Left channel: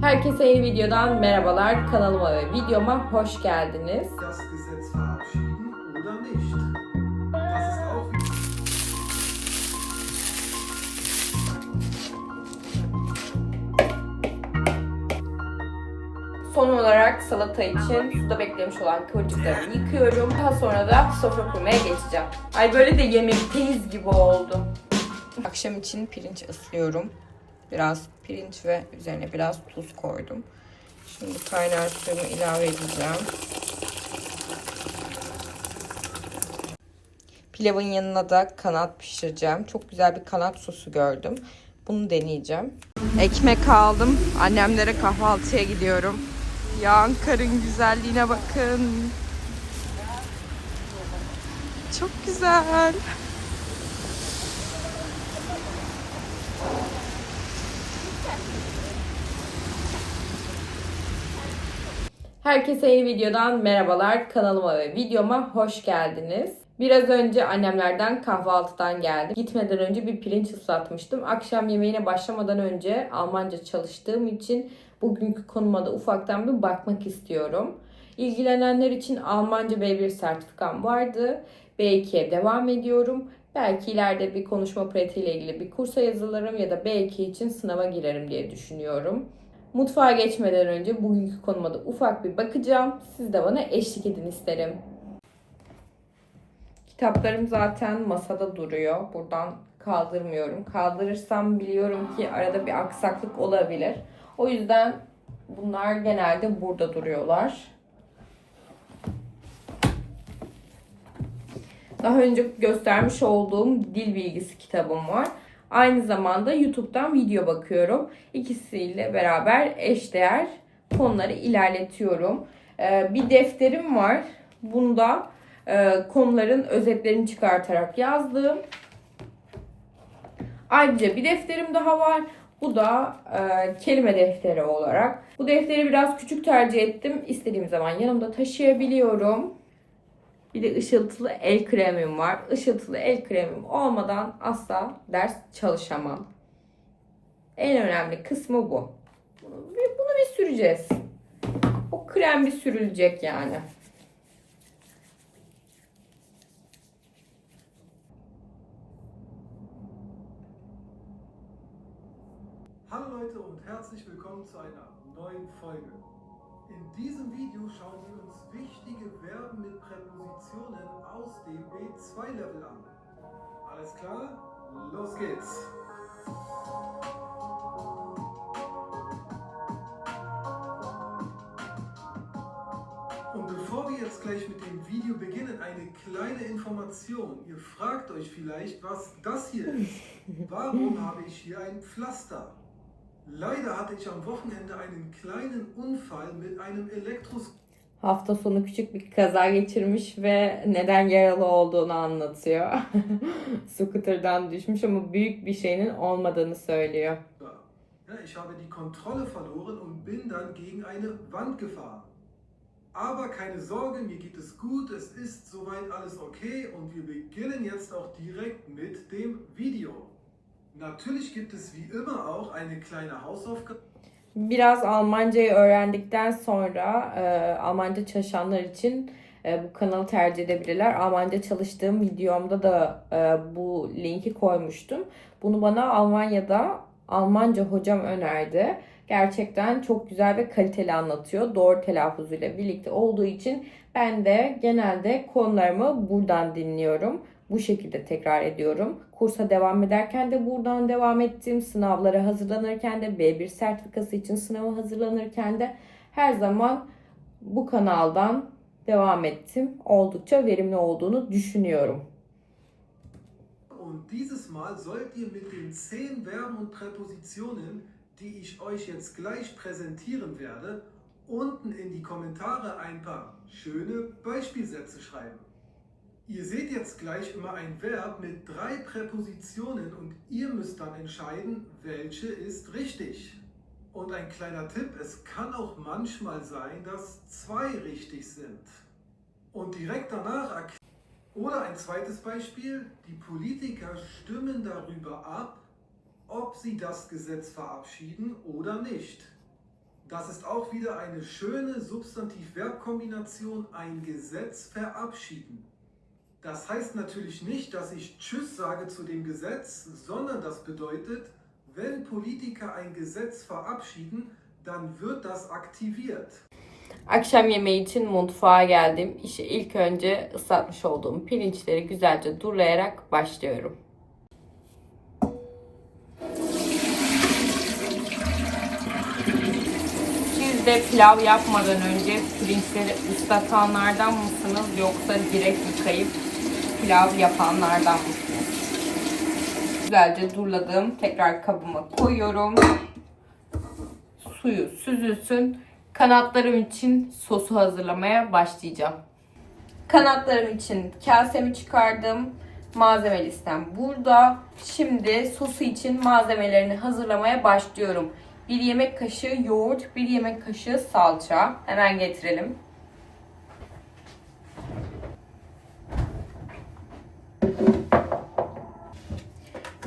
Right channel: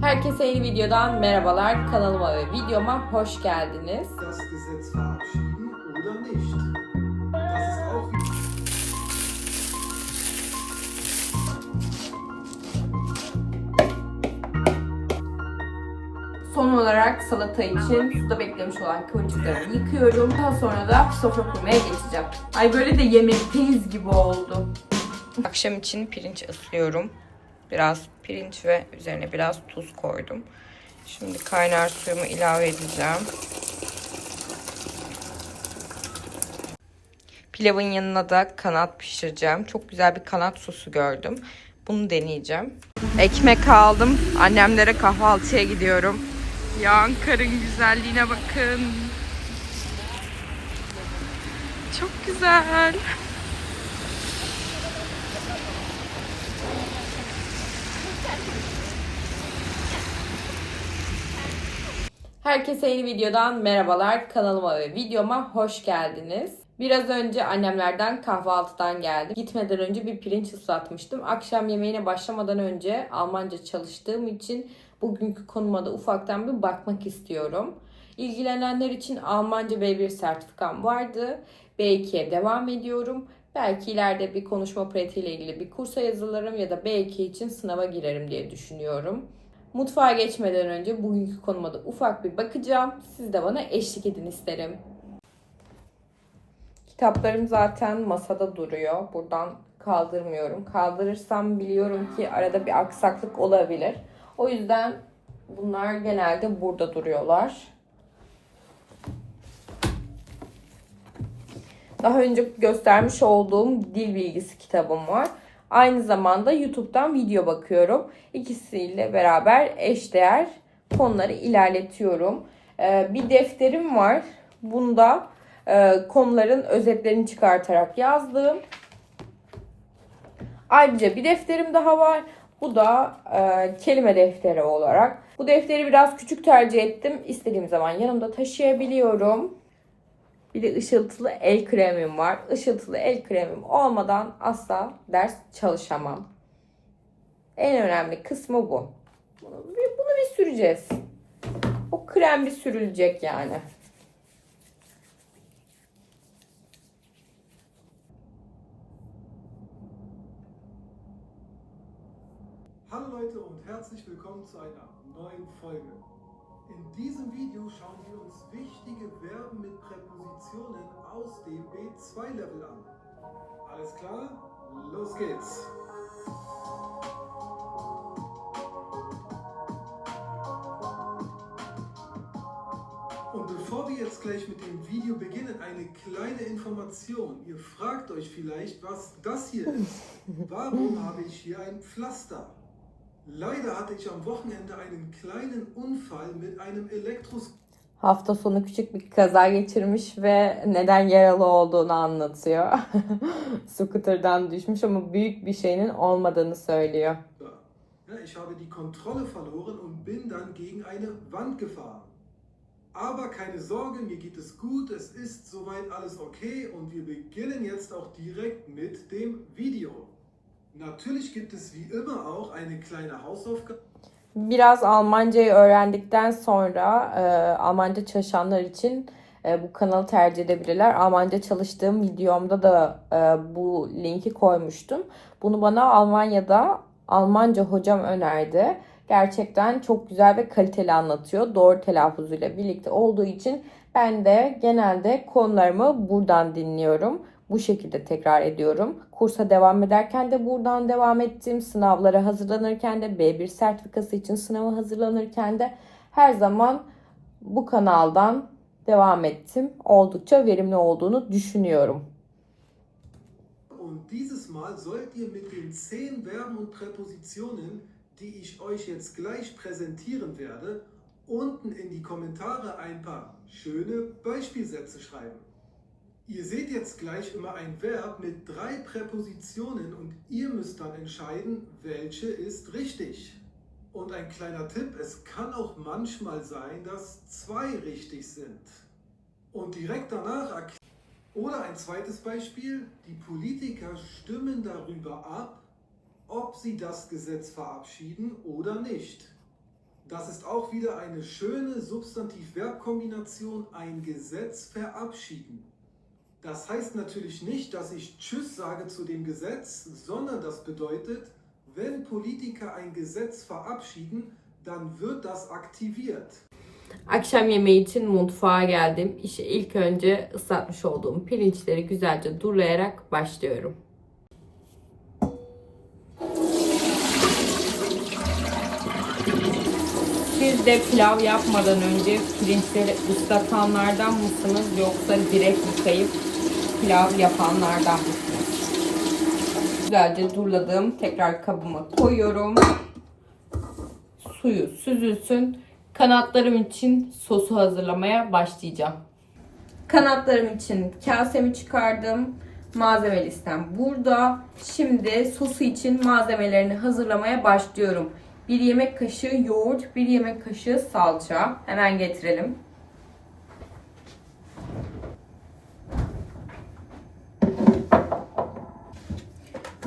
Herkese yeni videodan merhabalar. Kanalıma ve videoma hoş geldiniz. Son olarak salata için suda beklemiş olan kıvırcıklarımı yıkıyorum. Daha sonra da sofra kurmaya geçeceğim. Ay böyle de yemekteyiz gibi oldu. Akşam için pirinç ıslıyorum. Biraz pirinç ve üzerine biraz tuz koydum. Şimdi kaynar suyumu ilave edeceğim. Pilavın yanına da kanat pişireceğim. Çok güzel bir kanat sosu gördüm. Bunu deneyeceğim. Ekmek aldım. Annemlere kahvaltıya gidiyorum. Ya Ankara'nın güzelliğine bakın. Çok güzel. Herkese yeni videodan merhabalar. Kanalıma ve videoma hoş geldiniz. Biraz önce annemlerden kahvaltıdan geldim. Gitmeden önce bir pirinç ıslatmıştım. Akşam yemeğine başlamadan önce Almanca çalıştığım için bugünkü konuma da ufaktan bir bakmak istiyorum. İlgilenenler için Almanca B1 sertifikam vardı. B2'ye devam ediyorum. Belki ileride bir konuşma pratiğiyle ilgili bir kursa yazılırım ya da B2 için sınava girerim diye düşünüyorum. Mutfağa geçmeden önce bugünkü konuma da ufak bir bakacağım. Siz de bana eşlik edin isterim. Kitaplarım zaten masada duruyor. Buradan kaldırmıyorum. Kaldırırsam biliyorum ki arada bir aksaklık olabilir. O yüzden bunlar genelde burada duruyorlar. Daha önce göstermiş olduğum dil bilgisi kitabım var. Aynı zamanda YouTube'dan video bakıyorum. İkisiyle beraber eşdeğer konuları ilerletiyorum. Ee, bir defterim var. Bunda e, konuların özetlerini çıkartarak yazdığım. Ayrıca bir defterim daha var. Bu da e, kelime defteri olarak. Bu defteri biraz küçük tercih ettim. İstediğim zaman yanımda taşıyabiliyorum. Bir de ışıltılı el kremim var. Işıltılı el kremim olmadan asla ders çalışamam. En önemli kısmı bu. Bunu, bunu bir süreceğiz. O krem bir sürülecek yani. Hallo Leute und herzlich willkommen zu einer neuen Folge. In diesem Video schauen wir uns wichtige Verben mit Präpositionen aus dem B2-Level an. Alles klar? Los geht's! Und bevor wir jetzt gleich mit dem Video beginnen, eine kleine Information. Ihr fragt euch vielleicht, was das hier ist. Warum habe ich hier ein Pflaster? Leider hatte ich am Wochenende einen kleinen Unfall mit einem Elektroscooter. Hafta sonu küçük bir kaza geçirmiş ve neden yaralı olduğunu anlatıyor. Scooter'dan düşmüş ama büyük bir şeyinin olmadığını söylüyor. Ja, ich habe die Kontrolle verloren und bin dann gegen eine Wand gefahren. Aber keine Sorge, mir geht es gut, es ist soweit alles okay und wir beginnen jetzt auch direkt mit dem Video. Natürlich gibt es wie immer auch eine kleine Hausaufgabe. Biraz Almancayı öğrendikten sonra e, Almanca çalışanlar için e, bu kanalı tercih edebilirler. Almanca çalıştığım videomda da e, bu linki koymuştum. Bunu bana Almanya'da Almanca hocam önerdi. Gerçekten çok güzel ve kaliteli anlatıyor. Doğru telaffuzuyla birlikte olduğu için ben de genelde konularımı buradan dinliyorum. Bu şekilde tekrar ediyorum. Kursa devam ederken de buradan devam ettim. Sınavlara hazırlanırken de B1 sertifikası için sınava hazırlanırken de her zaman bu kanaldan devam ettim. Oldukça verimli olduğunu düşünüyorum. Und dieses Mal sollt ihr mit den 10 Verben und Präpositionen, die ich euch jetzt gleich präsentieren werde, unten in die Kommentare ein paar schöne Beispielsätze schreiben. Ihr seht jetzt gleich immer ein Verb mit drei Präpositionen und ihr müsst dann entscheiden, welche ist richtig. Und ein kleiner Tipp, es kann auch manchmal sein, dass zwei richtig sind. Und direkt danach oder ein zweites Beispiel, die Politiker stimmen darüber ab, ob sie das Gesetz verabschieden oder nicht. Das ist auch wieder eine schöne Substantiv-Verb-Kombination, ein Gesetz verabschieden. Das heißt natürlich nicht, dass ich Tschüss sage zu dem Gesetz, sondern das bedeutet, wenn Politiker ein Gesetz verabschieden, dann wird das aktiviert. Akşam yemeği için mutfağa geldim. İşe ilk önce ıslatmış olduğum pirinçleri güzelce durulayarak başlıyorum. Siz de pilav yapmadan önce pirinçleri ıslatanlardan mısınız yoksa direkt yıkayıp pilav yapanlardan mısınız? Güzelce duruladım. Tekrar kabıma koyuyorum. Suyu süzülsün. Kanatlarım için sosu hazırlamaya başlayacağım. Kanatlarım için kasemi çıkardım. Malzeme listem burada. Şimdi sosu için malzemelerini hazırlamaya başlıyorum. Bir yemek kaşığı yoğurt, bir yemek kaşığı salça. Hemen getirelim.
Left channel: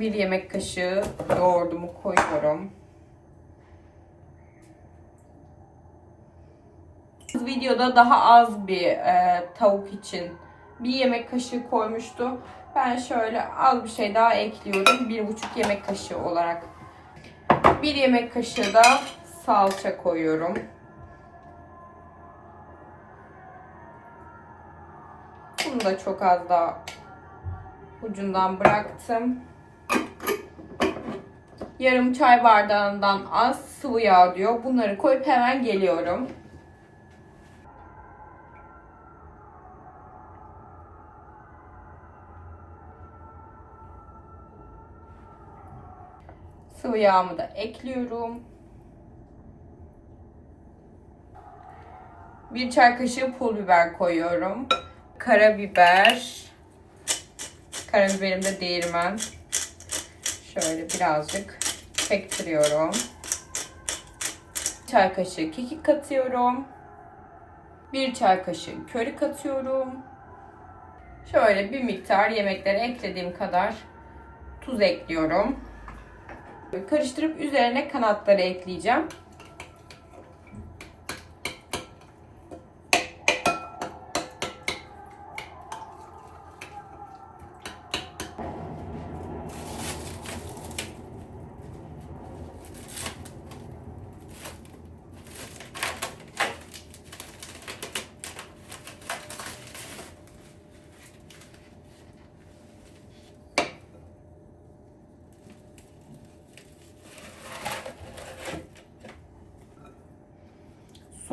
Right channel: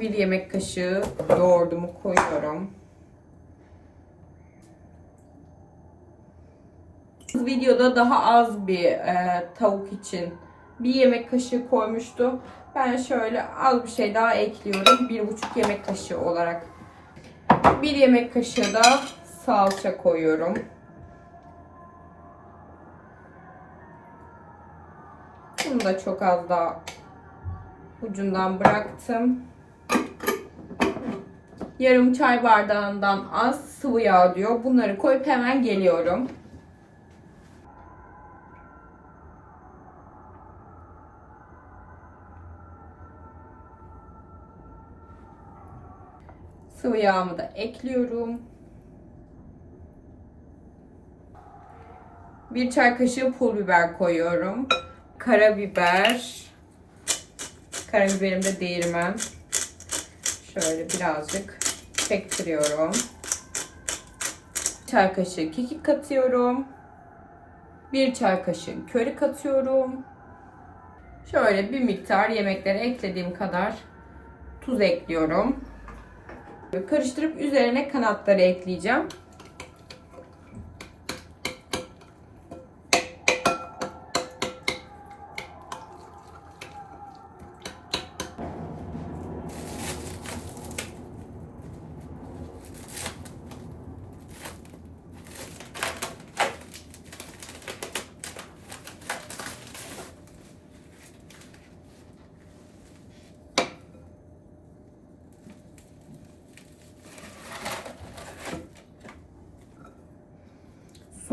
Bir yemek kaşığı yoğurdumu koyuyorum. Videoda daha az bir e, tavuk için bir yemek kaşığı koymuştu. Ben şöyle az bir şey daha ekliyorum. Bir buçuk yemek kaşığı olarak. Bir yemek kaşığı da salça koyuyorum. Bunu da çok az daha ucundan bıraktım. Yarım çay bardağından az sıvı yağ diyor. Bunları koyup hemen geliyorum. Sıvı yağımı da ekliyorum. Bir çay kaşığı pul biber koyuyorum. Karabiber. Karabiberim de değirmen. Şöyle birazcık çektiriyorum. Çay kaşığı kekik katıyorum. Bir çay kaşığı köri katıyorum. Şöyle bir miktar yemeklere eklediğim kadar tuz ekliyorum. Karıştırıp üzerine kanatları ekleyeceğim.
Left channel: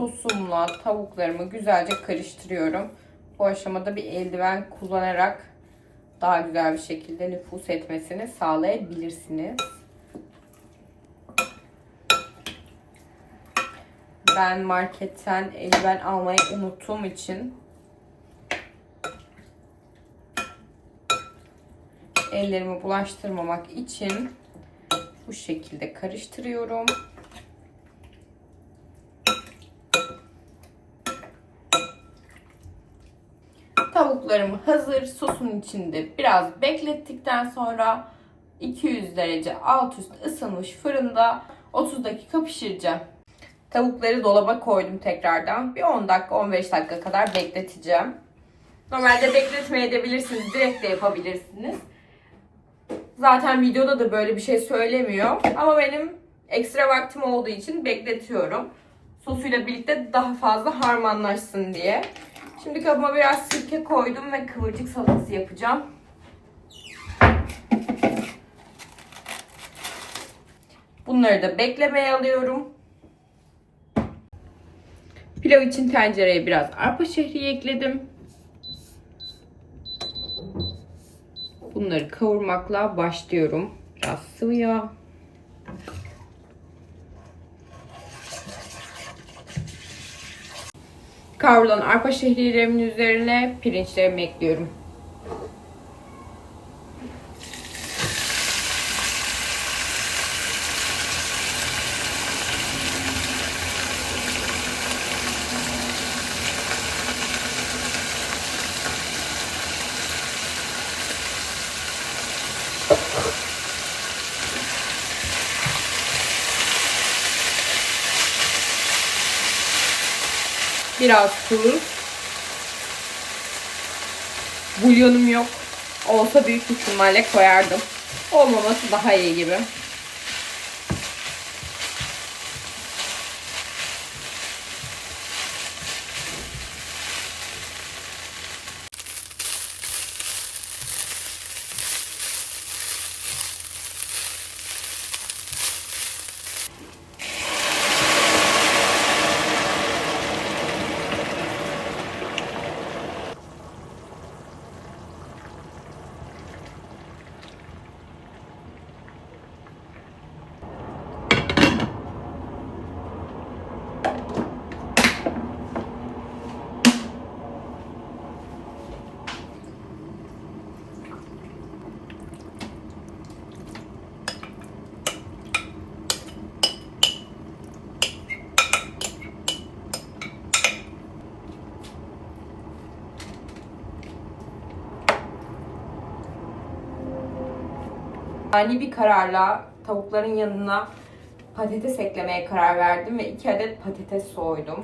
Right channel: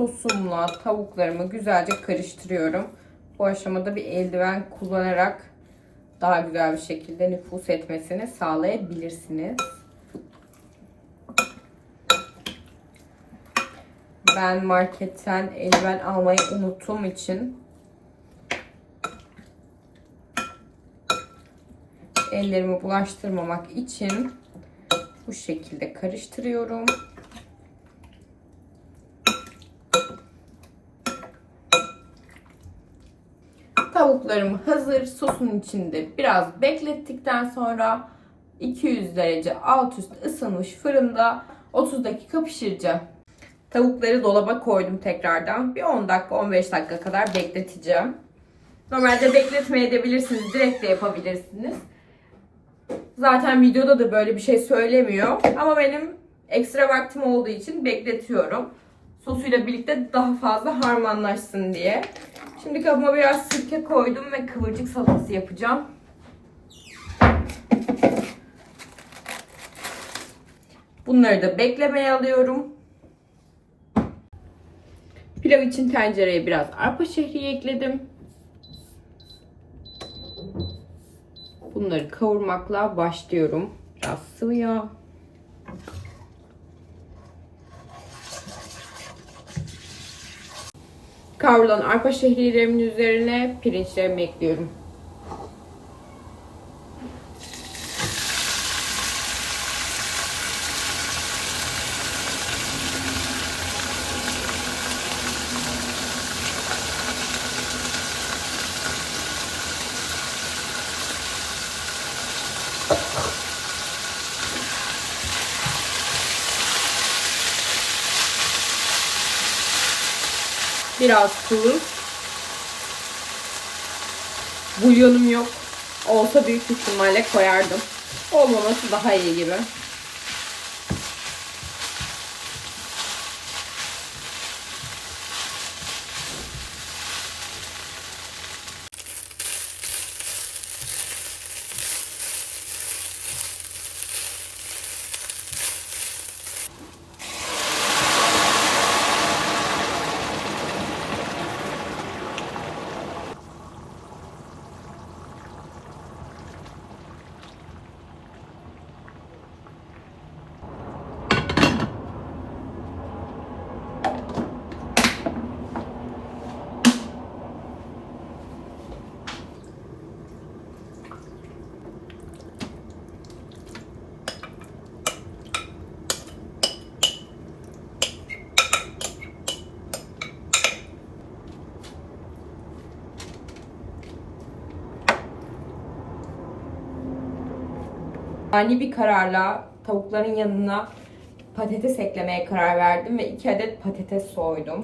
Sosumla tavuklarımı güzelce karıştırıyorum. Bu aşamada bir eldiven kullanarak daha güzel bir şekilde nüfus etmesini sağlayabilirsiniz. Ben marketten eldiven almayı unuttuğum için ellerimi bulaştırmamak için bu şekilde karıştırıyorum. Tavuklarım hazır. Sosun içinde biraz beklettikten sonra 200 derece alt üst ısınmış fırında 30 dakika pişireceğim. Tavukları dolaba koydum tekrardan. Bir 10 dakika 15 dakika kadar bekleteceğim. Normalde bekletmeye edebilirsiniz. Direkt de yapabilirsiniz. Zaten videoda da böyle bir şey söylemiyor. Ama benim ekstra vaktim olduğu için bekletiyorum. Sosuyla birlikte daha fazla harmanlaşsın diye. Şimdi kabıma biraz sirke koydum ve kıvırcık salatası yapacağım. Bunları da beklemeye alıyorum. Pilav için tencereye biraz arpa şehriye ekledim. Bunları kavurmakla başlıyorum. Biraz sıvı yağ. Kavrulan arpa şehriyelerimin üzerine pirinçlerimi ekliyorum. Biraz tuz. Bulyonum yok. Olsa büyük ihtimalle koyardım. Olmaması daha iyi gibi. Ani bir kararla tavukların yanına patates eklemeye karar verdim ve 2 adet patates soydum.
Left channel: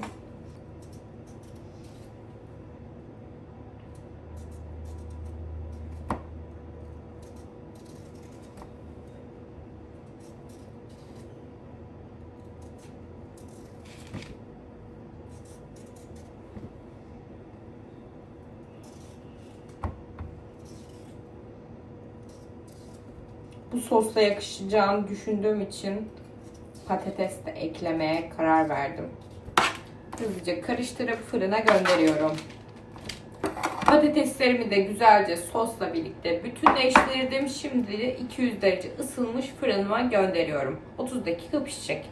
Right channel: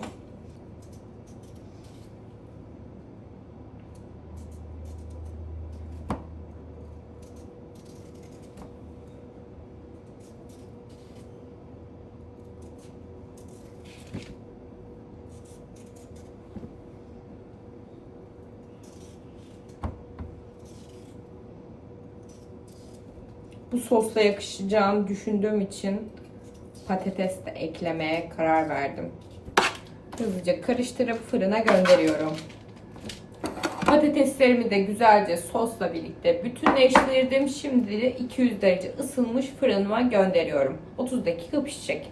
Sosla yakışacağını düşündüğüm için patates de eklemeye karar verdim. Hızlıca karıştırıp fırına gönderiyorum. Patateslerimi de güzelce sosla birlikte bütünleştirdim. Şimdi de 200 derece ısınmış fırınıma gönderiyorum. 30 dakika pişecek.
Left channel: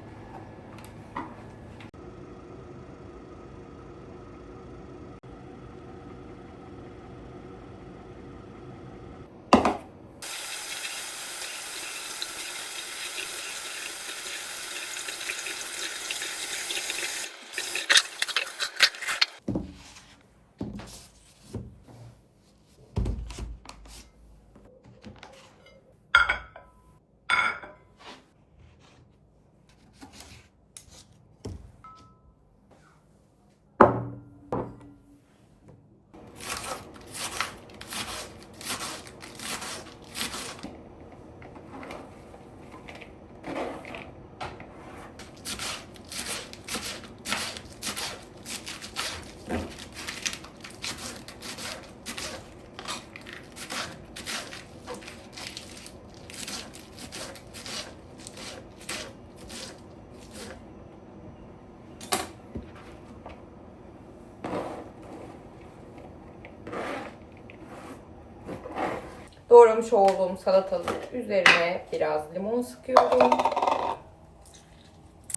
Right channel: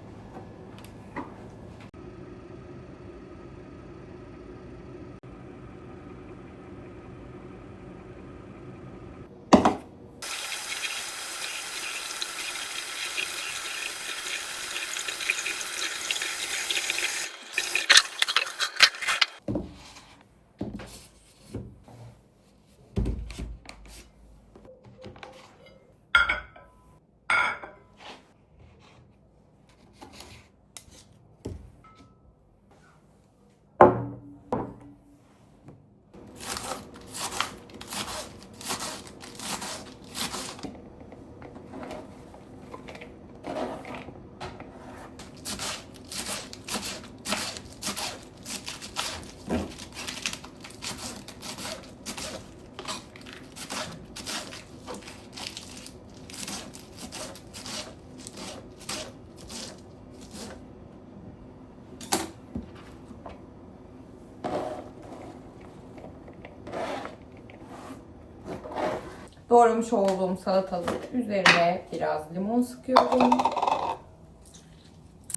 Doğramış olduğum salatalık üzerine biraz limon sıkıyorum.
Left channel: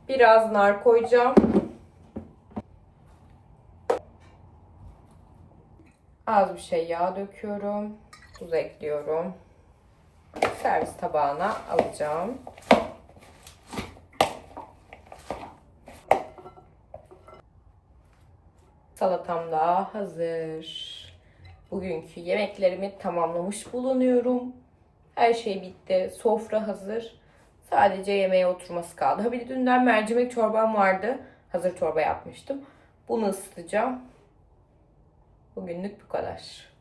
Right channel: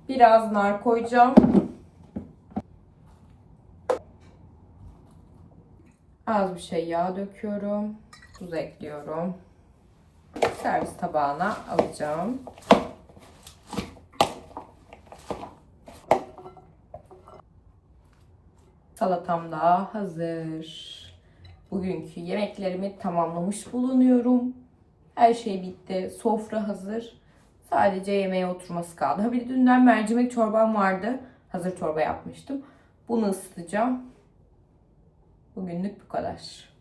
Biraz nar koyacağım. Az bir şey yağ döküyorum. Tuz ekliyorum. Servis tabağına alacağım. Salatam da hazır. Bugünkü yemeklerimi tamamlamış bulunuyorum. Her şey bitti. Sofra hazır. Sadece yemeğe oturması kaldı. Ha bir de dünden mercimek çorbam vardı. Hazır çorba yapmıştım. Bunu ısıtacağım. Bugünlük bu kadar.